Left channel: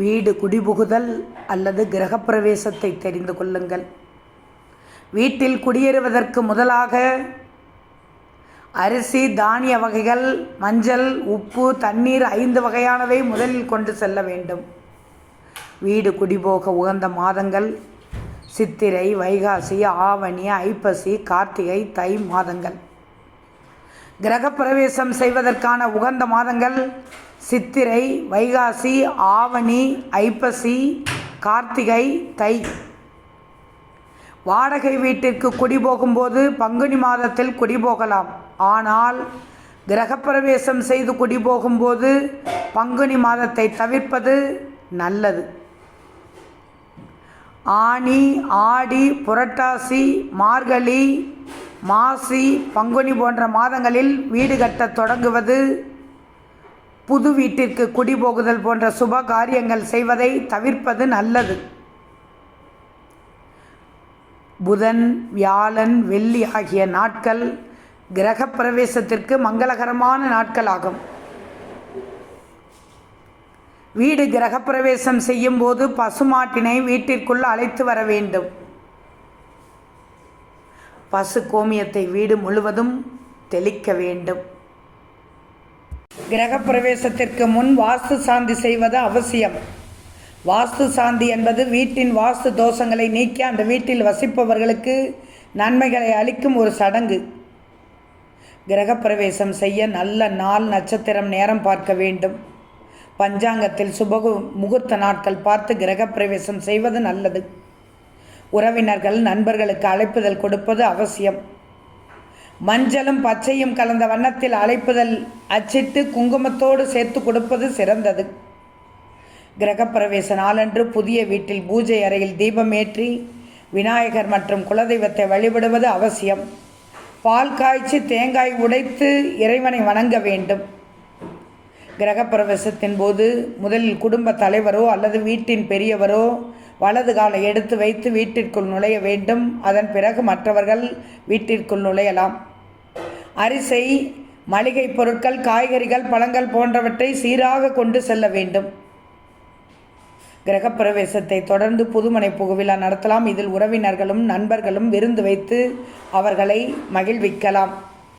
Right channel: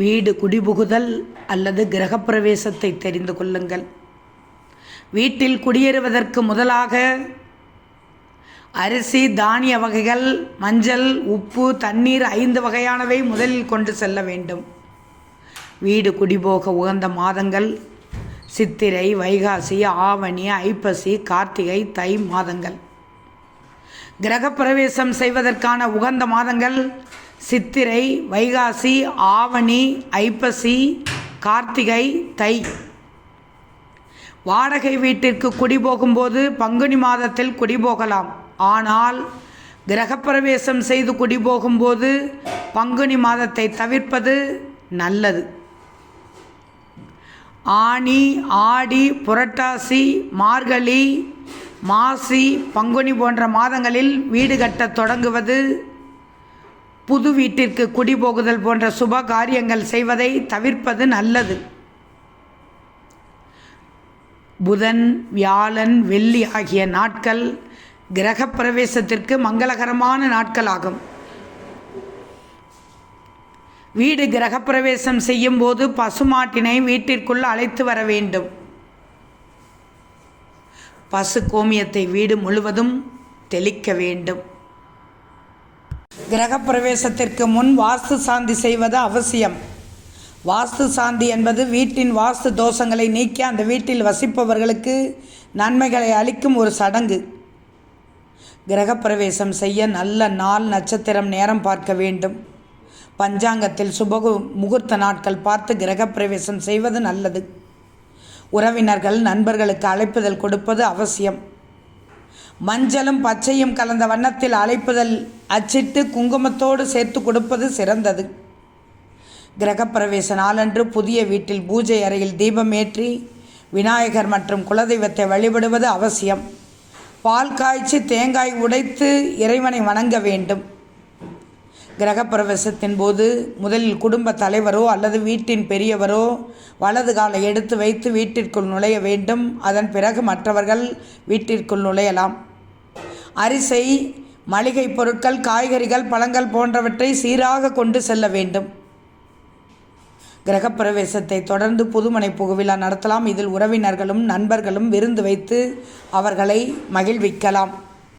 வீடு குடிபுகுதல் அல்லது கிரகப்பிரவேசத்தை தெரிந்து கொள்ளுங்கள். வீட்டில் குடியேறுவதற்கு முதலாக அரிசி தானிய வகைகள் மஞ்சள் உப்பு தண்ணீர் ஐந்து வகையானவை முதலில் கொண்டு செல்ல வேண்டும். வீடு குடிபோக உகந்த மாதங்கள் சித்திரை வைகாசி ஆவணி ஐப்பசி கார்த்திகை தை மாதங்கள். கிரகப்பிரவேசம் செய்வதற்கான உகந்த மாதங்கள் சித்திரை வைகாசி ஆவணி ஐப்பசி கார்த்திகை தை. வாடகை வீட்டிற்கு குடிபோகும்போது பங்குனி மாதத்தில் குடிபோகலாம் ஆனால் கிரகப்பிரவேசம் செய்து குடிபோகும்போது பங்குனி மாதத்தை தவிர்ப்பது நல்லது. ஆனி ஆடி புரட்டாசி மார்கழி மாசி பங்குனி போன்ற மாதங்களில் வீடு கட்டத் தொடங்குவது புது வீட்டிற்கு குடிபோகுதல் போன்ற சுப காரியங்கள் செய்வதை தவிர்ப்பது நல்லது. புதன் வியாழன் வெள்ளி ஆகிய நாட்கள் கிரகப்பிரவேசத்திற்கு மங்களகரமான நாட்களாகும். வீடு கிரகப்பிரவேசம் செய்யும் போது பசுமாட்டினை வீட்டிற்குள் அழைத்து வர வேண்டும். பசு கோமியத்தை வீடு முழுவதும் தெளிக்க வேண்டும். கிரகப்பிரவேசத்திற்கு முன் வாஸ்து சாந்தி செய்வது அவசியம். வாஸ்து சாந்தி என்பது வீட்டின் வாஸ்து தோஷங்களை நீக்கி அந்த வீட்டில் வசிப்பவர்களுக்கு நன்மைகளை அளிக்கும் ஒரு சடங்கு. கிரகப்பிரவேசம் செய்ய நல்ல நாள் நட்சத்திரம் நேரம் பார்க்க வேண்டும். பஞ்சாங்கத்தில் சுபகு முகூர்த்த நாட்கள் பார்த்து கிரகப்பிரவேசம் செய்வது நல்லது. உறவினர்கள் நண்பர்களுக்கு அழைப்புதல் கொடுப்பது அவசியம். மஞ்சளும் பச்சையும் கலந்த வண்ணத்தில் அழைப்புதல் அச்சிட்டு குங்குமத்தோடு சேர்த்து கொடுப்பது சிறந்தது. கிரகப்பிரவேச நாளன்று புதிய வீட்டில் பூஜை அறையில் தீபம் ஏற்றி விநாயகர் மற்றும் குலதெய்வத்தை வழிபடுவது அவசியம். பால் காய்ச்சி தேங்காய் உடைத்து இறைவனை வணங்க வேண்டும். கிரகப்பிரவேசத்தின் போது முதலில் குடும்ப தலைவரோ அல்லது வீட்டின் பெரியவரோ வலது காலை எடுத்து வைத்து வீட்டிற்குள் நுழைய வேண்டும். அதன் பிறகு மற்றவர்கள் வீட்டிற்குள் நுழையலாம். அரிசை மளிகை பொருட்கள் காய்கறிகள் பழங்கள் போன்றவற்றை சீராக கொண்டு செல்ல வேண்டும். கிரகப்பிரவேசத்தை தொடர்ந்து புதுமனை புகுவிழா நடத்தலாம். இதில் உறவினர்களும் நண்பர்களும் விருந்து வைத்து அவர்களை மகிழ்விக்கலாம்.